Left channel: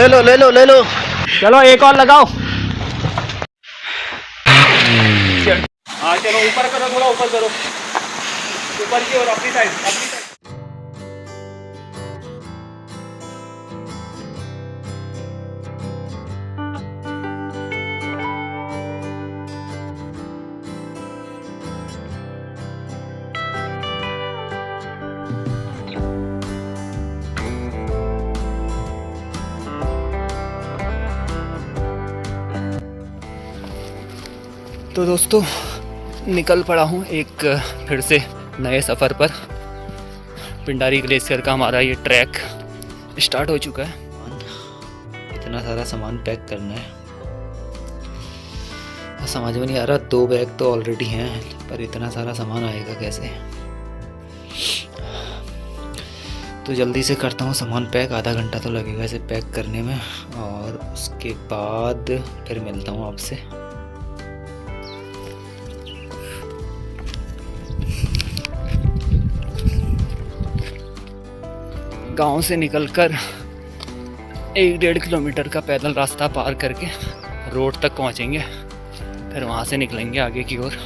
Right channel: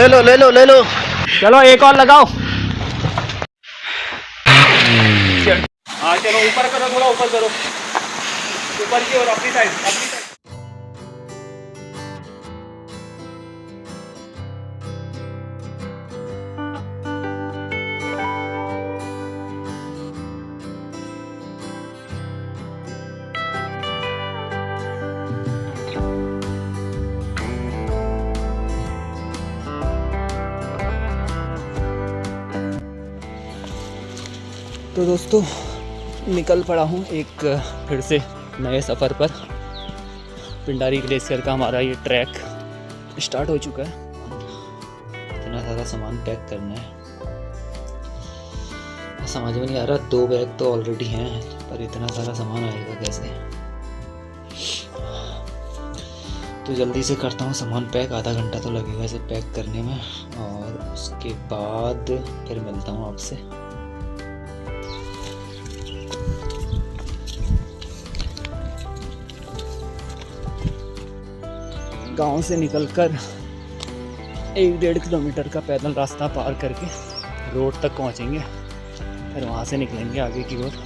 ले लो ले लो ले लो। चलो एक और लगाओ। हाँ चलो ऊपर करो, थोड़ा ऊपर करो, ऊपर की और अपनी साइड, अपनी साइड। तो दोस्तों निकल पड़ा हूँ एक फिर से नए सफ़र पर। पिंडारी ग्लेशियर का हमारा ये ट्रैक स्टार्ट हो चुका है। इतना सारा सामान पैक करना है, समझ में नहीं आ रहा। 2 बैग तो ऑलरेडी हैं, पर इतना सारा सामान आएगा कैसे। तो जल्दी से करता हूँ सामान पैक, आधा घंटा तो लगेगा इसे पैक करने में, और उसके बाद फिर मिलता हूँ आपसे। गांव से निकलकर 1-1.5 किलोमीटर का पैदल रास्ता पार करके रोड तक पहुंचेंगे, फिर वहां से निकलेंगे आगे की ओर।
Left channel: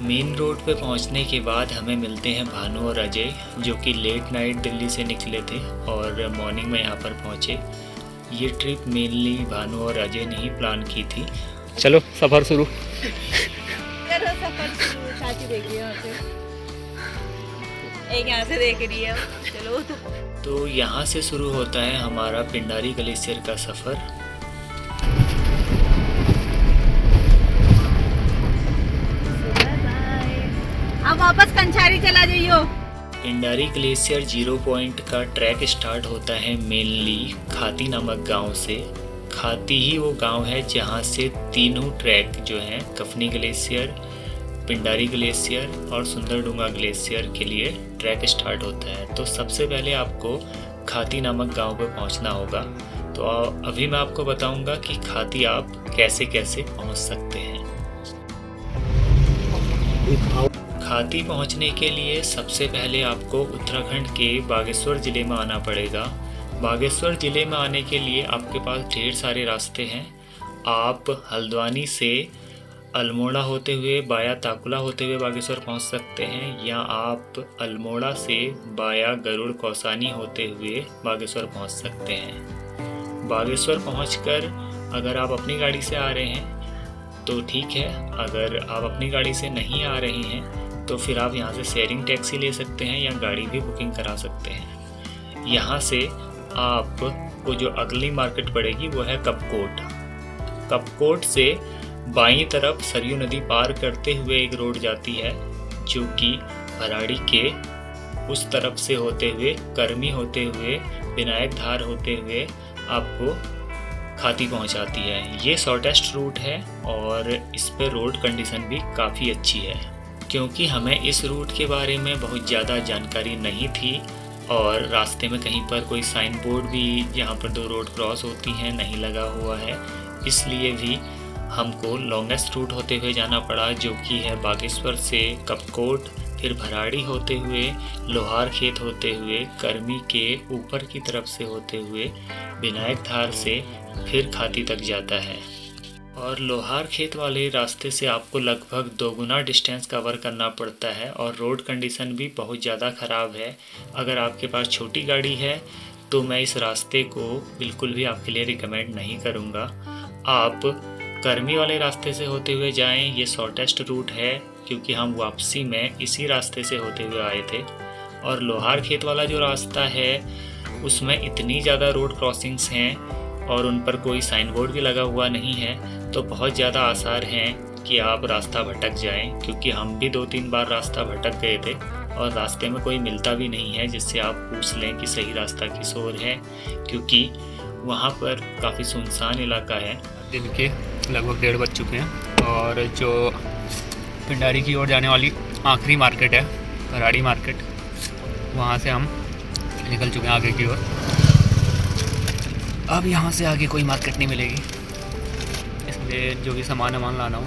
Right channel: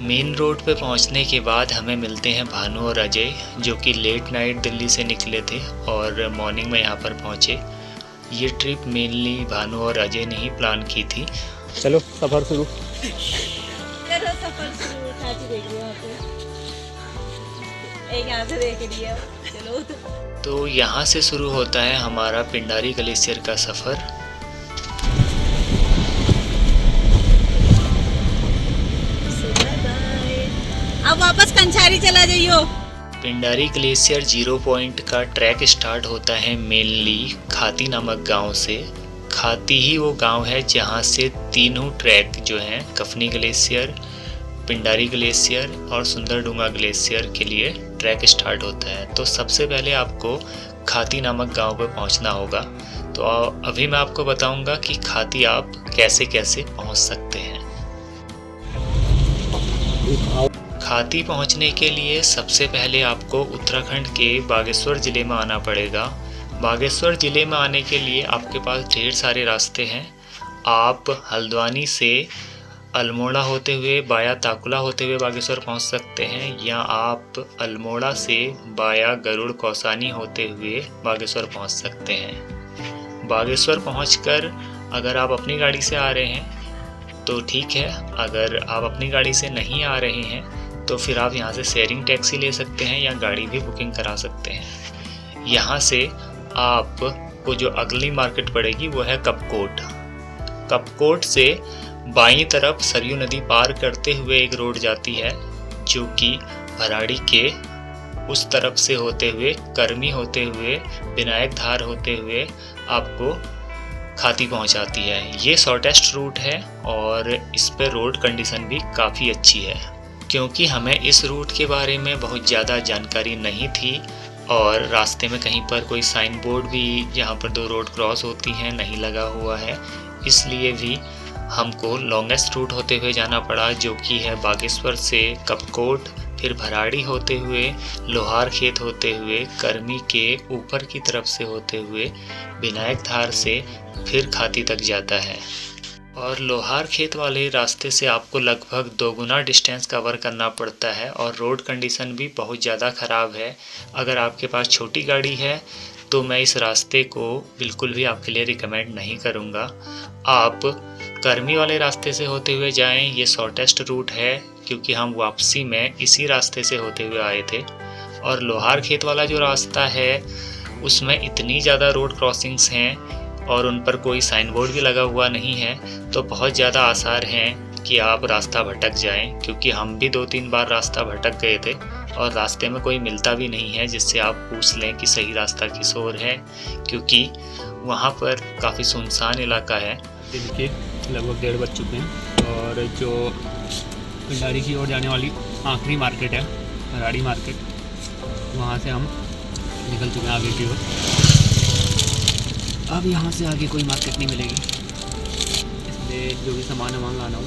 मेन रोड पे पहुंचने के बाद हमें मिलते हैं भानु और अजय, जो कि लेट नाइट दिल्ली से निकले थे और मॉर्निंग में यहाँ पर पहुंचे। ये ट्रिप मेनली भानु और अजय ने ही प्लान की थी। चलो सफ़र शुरू। एक यहाँ से देख रही है, चलो। तो यहाँ से शुरू होता है हमारा पिंडारी ग्लेशियर का सफ़र। अब वापस कंछारी चला जाइयो। पिंडारी ग्लेशियर 0 पॉइंट का ट्रैक स्टार्ट होता है मेनली खाती नामक गांव से। खाती ही वो गांव है जहां से तीनों ट्रैक जो हैं, कफनी ग्लेशियर, पिंडारी ग्लेशियर और सुंदरडूंगा ग्लेशियर के लिए ट्रैक स्टार्ट होता है। तो सबसे पहले आपको खाती नामक गांव पर पहुंचना होगा। तो अभी मैं आपको बताऊंगा कि खाती आप कैसे कैसे पहुंच सकते हैं। खाती पहुंचने के लिए सबसे पहले आपको उत्तराखंड के बागेश्वर ज़िले में आना पड़ेगा। बागेश्वर ज़िले में आने के लिए आपके पास ढेर सारे रास्ते हैं। आप हल्द्वानी से अल्मोड़ा होते हुए बाया ताकुला होते हुए बागेश्वर पहुंच सकते हैं, या आप अल्मोड़ा से बाया गरुड़ कौसानी होते हुए बागेश्वर पहुंच सकते हैं। बागेश्वर पहुंचकर अगर आप अपनी गाड़ी से आ रहे हैं तो ठीक है, अगर आप अपनी गाड़ी से नहीं आ रहे हैं तो फिर आप यहां से शेयरिंग टैक्सी ले सकते हैं या गाड़ी भी बुकिंग करा सकते हैं। यहाँ से आपको जो अगली मार्केट पड़ेगी वो है कपकोट। कपकोट से बाईं तरफ सरयू नदी पार करते हुए एक रोड जाती है, जो कि भराड़ी के उस तरफ से होते हुए, कर्मी होते हुए, विनायक धार होते हुए आपको खाती पहुंचाती है। ये शॉर्टेस्ट रूट है और इस पर रोड कंडीशन भी काफ़ी अच्छी है। क्योंकि हमें इस रूट के बारे में बहुत ज़्यादा जानकारी नहीं थी और रास्ते में कहीं पर कोई साइन बोर्ड भी जहाँ पर 2 रोड क्रॉस होती हैं नहीं लगा हुआ है, इसलिए भी हमको लॉन्गेस्ट रूट होते हुए जाना पड़ा, जो कि है बागेश्वर से कपकोट, फिर भराड़ी होते हुए, लोहार खेत होते हुए, कर्मी के ऊपर की तरफ से होते हुए, विनायक धार से फिर खाती तक जाता है। और लोहार खेत वाले रास्ते से आपको लगभग 2 गुना डिस्टेंस कवर करना पड़ता है और रोड कंडीशन भी बहुत ज़्यादा ख़राब है। अगर आपके पास छोटी गाड़ी है तो मैं इस रास्ते को बिल्कुल भी आपके लिए रिकमेंड नहीं करूँगा। आप कर्मी वाले रास्ते से होते हुए जाएं, ये शॉर्टेस्ट रूट है, क्योंकि हम वापसी में इसी रास्ते से होते हुए आए थे। और लोहार खेत वाला जो रास्ता है उसमें इतनी ज़्यादा रोड क्रॉसिंग्स हैं और उन पर कोई साइन बोर्ड भी लगा हुआ नहीं है, तो बहुत ज़्यादा आसार हैं कि आप रास्ता भटक जाएं, क्योंकि हम भी 2-3 बार रास्ता भटक गए थे और रास्ते में कोई मिलता भी नहीं है जिससे आप पूछ लें कि सही रास्ता किस ओर है, क्योंकि वहाँ पर काफ़ी सुनसान इलाका है। दिन के लगभग 1:30 बज चुके हैं और जो पिंडारी की ओर जाने वाली आखिरी मार्केट है भराड़ी मार्केट, वहाँ से हम निकल चुके हैं आगे की ओर। अब यहाँ से आगे कोई मार्केट नहीं मिलेगी, इसलिए जो भी सामान लाना हो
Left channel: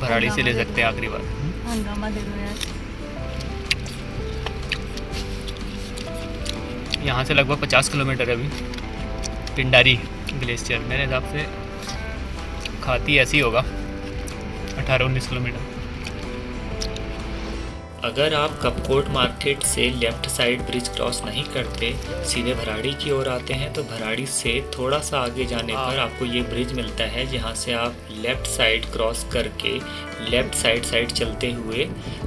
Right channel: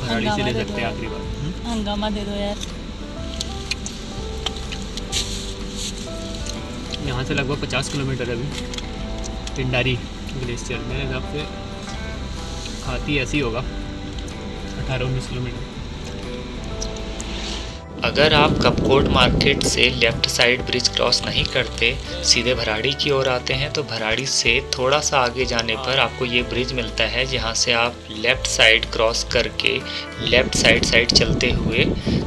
भराड़ी से ले सकते हैं आखिरी बार। हंगामा दे दो यार। यहाँ से लगभग 50 किलोमीटर है अभी, पिंडारी ग्लेशियर मेरे हिसाब से खाती ऐसी होगा 18-19 किलोमीटर। अगर आप कपकोट मार्केट से लेफ़्ट साइड ब्रिज क्रॉस नहीं करते, सीधे भराड़ी की ओर आते हैं, तो भराड़ी से थोड़ा सा आगे जाने पर आपको ये ब्रिज मिलता है, जहाँ से आप लेफ़्ट साइड क्रॉस करके लेफ़्ट साइड चलते हुए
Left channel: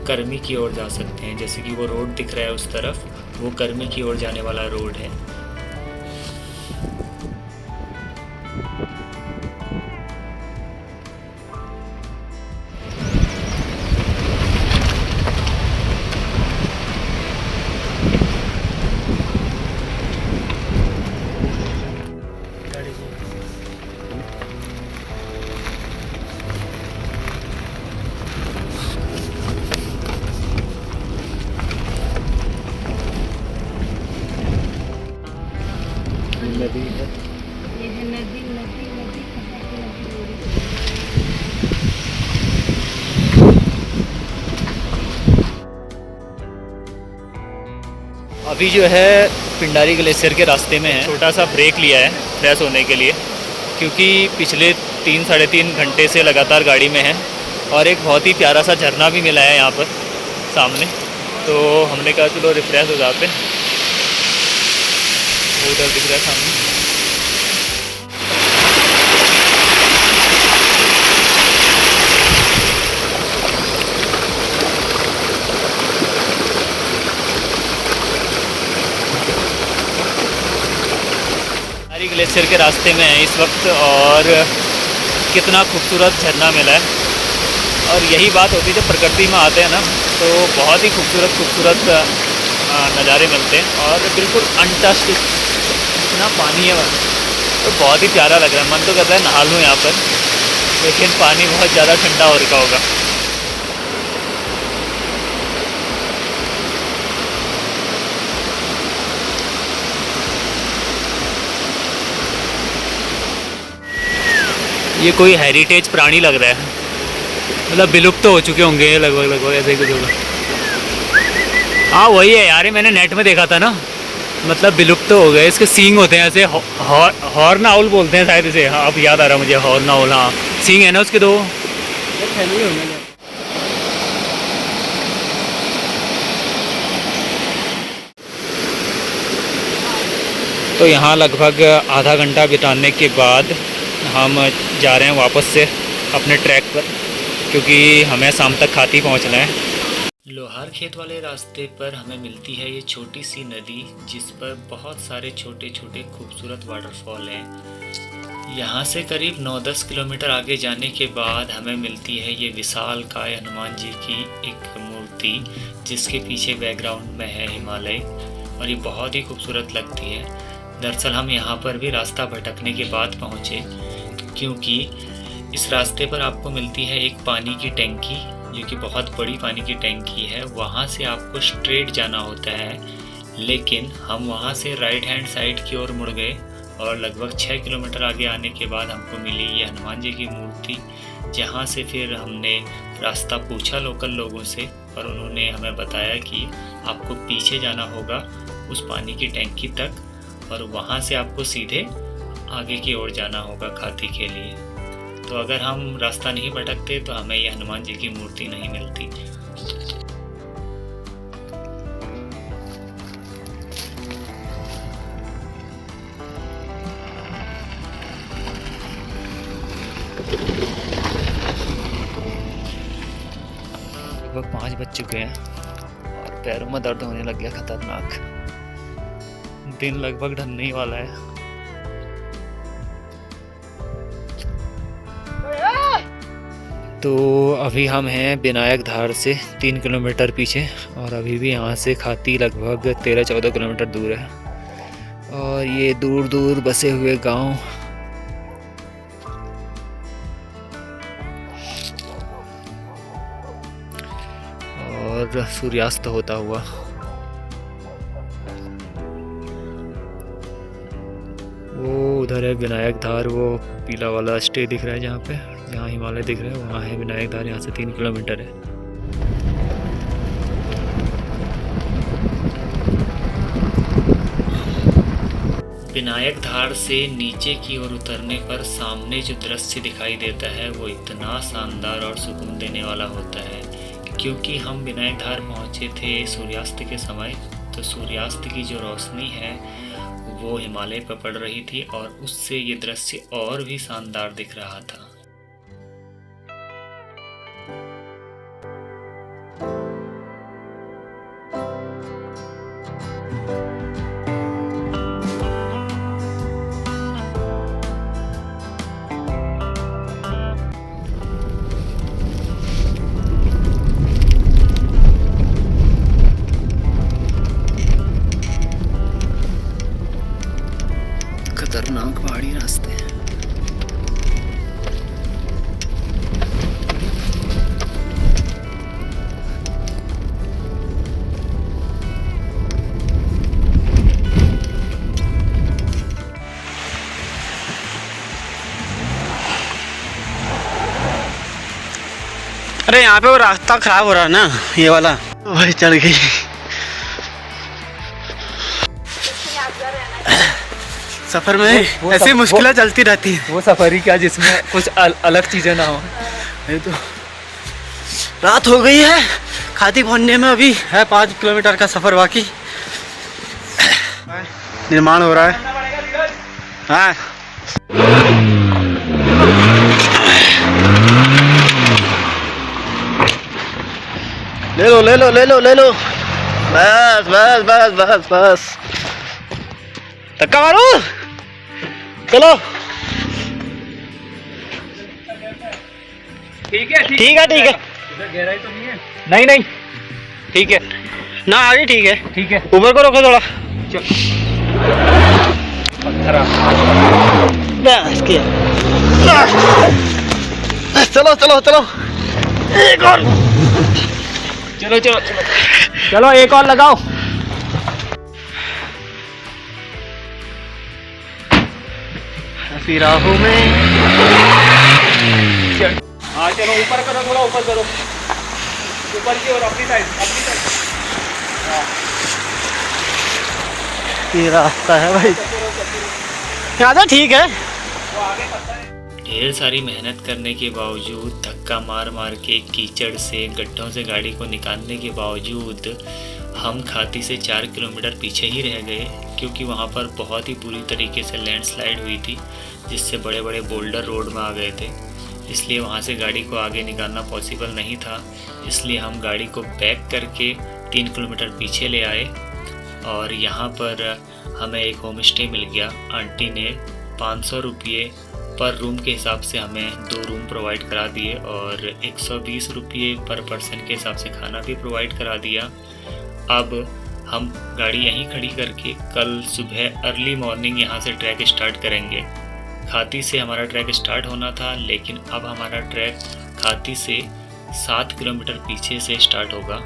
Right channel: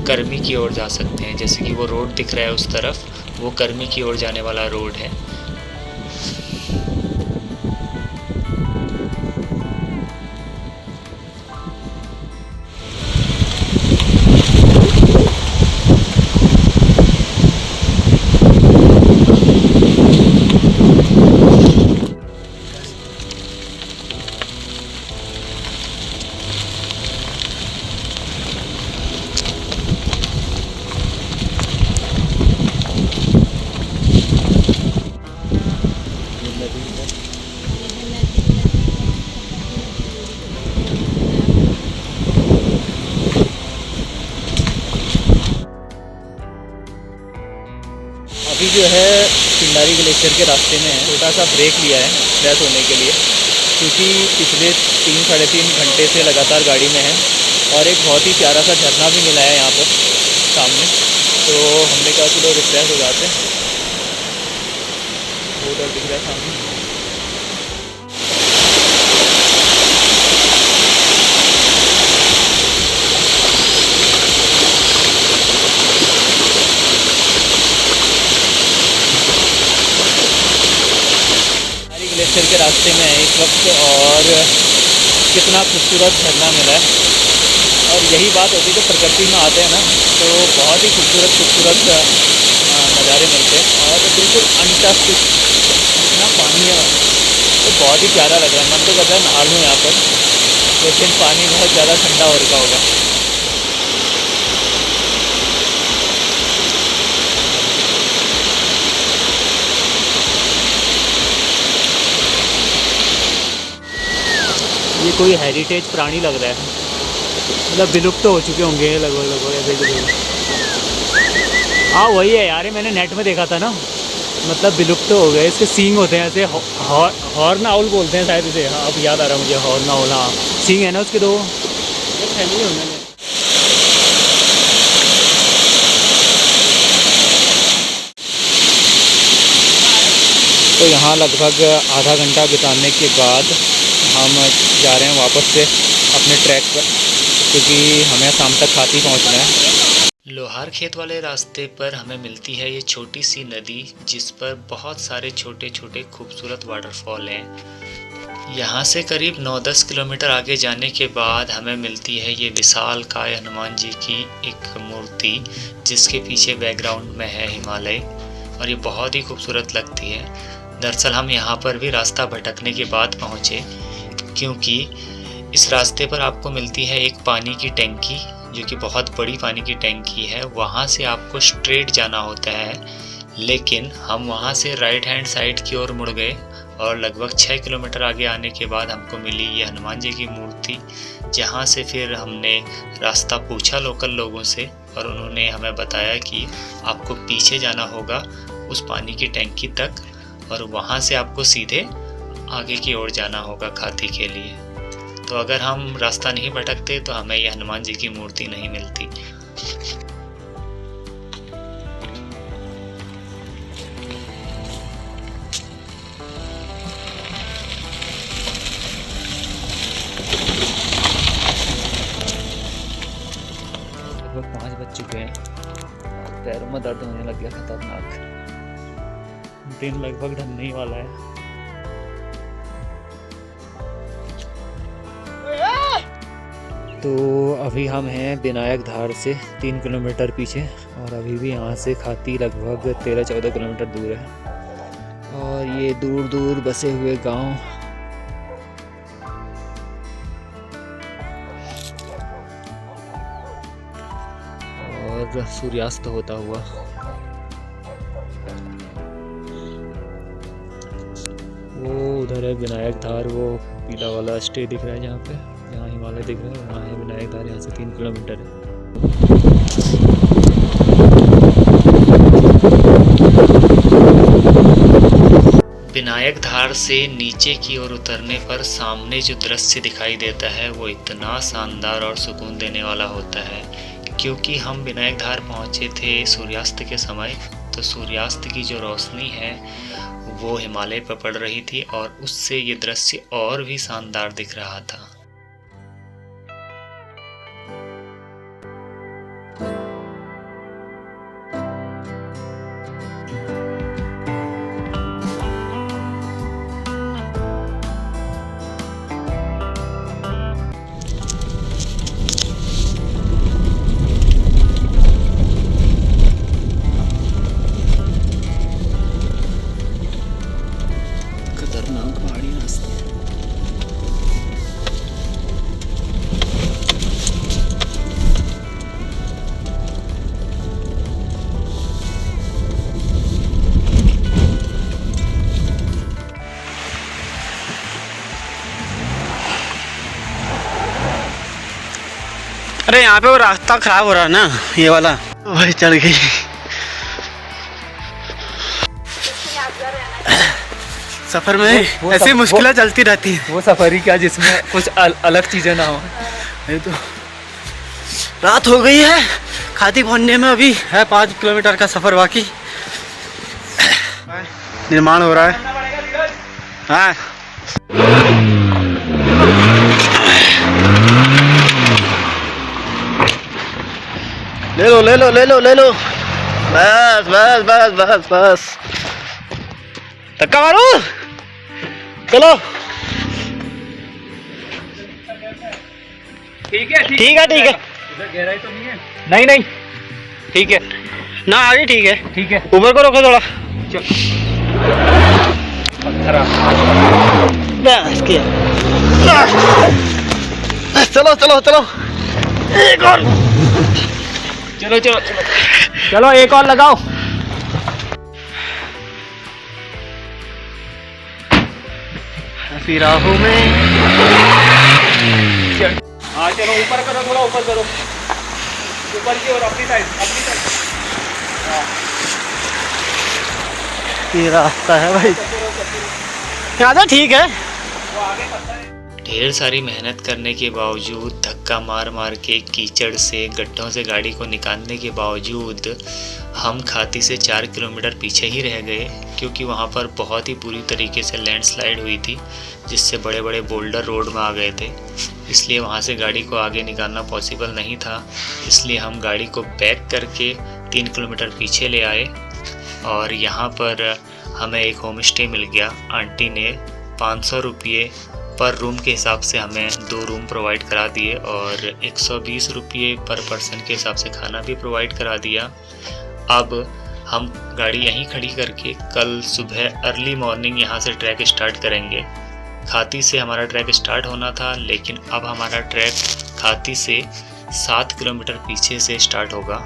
कर्मी की ओर जा सकते हैं। जैसे कि वो रोड दिख रहा है उस तरफ, वो कर्मी की ओर जाने वाला रोड है। अभी जो है पिंडारी ग्लेशियर के रास्ते में है, छोटा सा ब्रेक लिया है फ्रेश होने के लिए, क्योंकि पिछले 3-3.5 घंटे से लगातार गाड़ी में है और एक बहुत ही प्यारा सा झरना भी मिला है यहाँ पर सामने, तो हमने कहा चलो रिफ्रेश हो जाते हैं। उधर दिख रहा है सामने। ग्लेशियर के रास्ते में है इस वक्त और कितना खूबसूरत झरना मिला है। और यही बात होती है जब प्रकृति में आते हैं ना, तो बहुत ही खूबसूरत नज़ारे मिलते हैं और बिल्कुल अनटच्ड इतना पानी है, तो बहुत ही प्यारा लग रहा है। मन तो करता है नहा लूँ यहाँ पर, लेकिन पानी बहुत ज़्यादा ठंडा हो रखा होगा। ये कोई हेरिटेज प्राणी लग रहा है, मतलब विलुप्त तो हो चुके होंगे लगभग ऐसे ही कुछ होगा। हाँ वही है यार, मैंने नेट में देखा था ना, मतलब विलुप्त तो हो गए। इसके सींग होते हैं ऐसे, हॉर्न आउल बोलते हैं शायद इसे। हाँ अब याद आ रहा मुझे, हॉर्न आउल। हाँ सींग है ना उसके दो। तो यहाँ लगभग आधा घंटा बिताने के बाद हम जा रहे हैं वापस से अपने ट्रैक पर, क्योंकि हमें शाम तक खाती पहुँचना है। लोहार खेत वाले रास्ते पर हमें मिलती है ये छोटी सी नदी, जिस पर बहुत सारे छोटे छोटे खूबसूरत वाटरफॉल हैं। यहाँ से करीब 9-10 किलोमीटर आगे जाने के बाद हमें मिलती है ये विशालकाय हनुमान जी की एक मूर्ति, जिसके पीछे बैकग्राउंड में है हिमालय, और ये बहुत ही खूबसूरत लगती है। दरअसल हम यहाँ पर भी रास्ता भटकने के बाद पहुँचे, क्योंकि इस रास्ते पर आपको मिलती है एक पानी की टैंकी, जो कि बहुत बड़ी पानी की टैंकी है। वहाँ से आपको स्ट्रेट जाना होता है, लेकिन हम वहाँ से राइट हैंड साइड की ओर मुड़ गए और लगभग 6 किलोमीटर आगे आने के बाद हमको मिली ये हनुमान जी की मूर्ति, जहाँ से फिर हमने रास्ता पूछा लोकल लोगों से, और उन्होंने हमें बताया कि आपको पीछे जाना होगा उस पानी की टैंकी तक, और वहाँ से आपको सीधे आगे की ओर जाना होगा खाती के लिए। तो अगर हम रास्ता नहीं भटकते तो हमें ये हनुमान जी की मूर्ति नहीं मिलती। लगभग 5 बज चुके हैं, पैरों में दर्द होने लग गया खतरनाक। दिन लगभग ढलने ही वाला है। तो अभी हम हैं विनायक धार से 3 किलोमीटर पीछे, और अभी भी यहाँ से खाती लगभग 13-14 किलोमीटर दूर है। और ये दूर दूर बसे हुए गांव, और सूर्यास्त होता हुआ। वो उधर है विनायक धार, वो पीला वाला स्टे दिख रहा है जहाँ पे, जहाँ हिमालय दिख रहा है वहाँ है विनायक धार। यहाँ से 3 किलोमीटर है। विनायक धार से नीचे की ओर उतरने पर सामने जो दृश्य दिखाई देता है वो इतना शानदार और सुकून देने वाला होता है। क्योंकि हम विनायक धार पहुँचे थे सूर्यास्त के समय, तो सूर्यास्त की जो रोशनी है वो हिमालय पर पड़ रही थी और उससे ये दृश्य और भी शानदार दिख रहा था। खतरनाक पहाड़ी रास्ते हैं। अरे यहाँ पे वो रास्ता खराब हो रहा है ना, ये वाला। भाई चल गई। सफर में वो ऐसी मुश्किलें चलती रहती हैं। वो सफर ही क्या जिसमें कुछ अलग चीजें ना हो। ये तो रात हो गई है, खाती पहुंचने में अभी है 5 किलोमीटर का सफर बाकी। निर्माण हो रहा है। हाँ ले लो ले लो ले लो ले लो, बस बस बस बस बस, धक्का मारो, चलो। ठीक है ठीक है ठीक है, गहराई तो नहीं है? नहीं नहीं ठीक है ना आगे ठीक है। ठीक है। ऊपर को रोको थोड़ा। बस किया। चलो चलो चलो, एक और। चलो चलो चलो चलो एक और लगाओ। ऐसी राहों में। हाँ चलो ऊपर करो, थोड़ा ऊपर करो, ऊपर की ओर, अपनी साइड अपनी साइड। ये रास्ता है भाई, यहाँ तो ठीक है। ढेर सारी मेहनत करने के बावजूद, धक्का मार मार के, कीचड़ से, गड्ढों से गाड़ी को निकालने के बावजूद हम खाती से 4 किलोमीटर पीछे ही रह गए। क्योंकि वहाँ पर बहुत ही बुरी तरीके से लैंडस्लाइड हुई थी, जिससे बड़े बड़े बोल्डर रोड में आ गए थे। इसलिए वहाँ से गाड़ी को आगे निकालना पॉसिबल नहीं था। इसलिए हम गाड़ी को बैक करके 3 किलोमीटर पीछे ले आए और यहाँ पर हमें एक होम स्टे मिल गया। आंटी ने 500 रुपये पर रूम के हिसाब से हमें 2 रूम प्रोवाइड करा दिए और 120 रुपये पर पर्सन के हिसाब से खाना भी प्रोवाइड करा दिया। अब हम गाड़ी यहीं खड़ी करके कल सुबह अर्ली मॉर्निंग यहाँ से ट्रैक स्टार्ट करेंगे। खाती से हमारा ट्रैक स्टार्ट होना था, लेकिन अब हमारा ट्रैक खाती से 7 किलोमीटर पीछे से स्टार्ट होगा।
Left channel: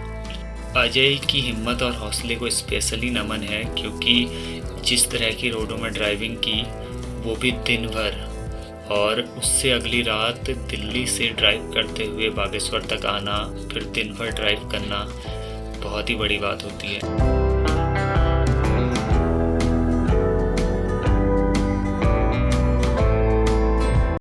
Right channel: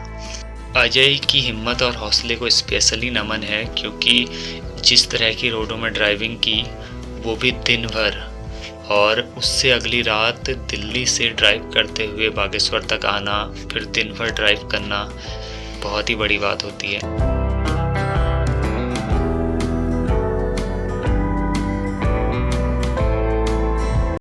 अजय की हिम्मत और हौसले को स्पेशली नमन है, क्योंकि जिस तरह की रोडों में ड्राइविंग की, वो भी दिन भर, और उससे अगली रात दिल्ली से ड्राइव करते हुए बागेश्वर तक आना, फिर दिन भर ड्राइव करना बहुत ही बड़ी बात होती है।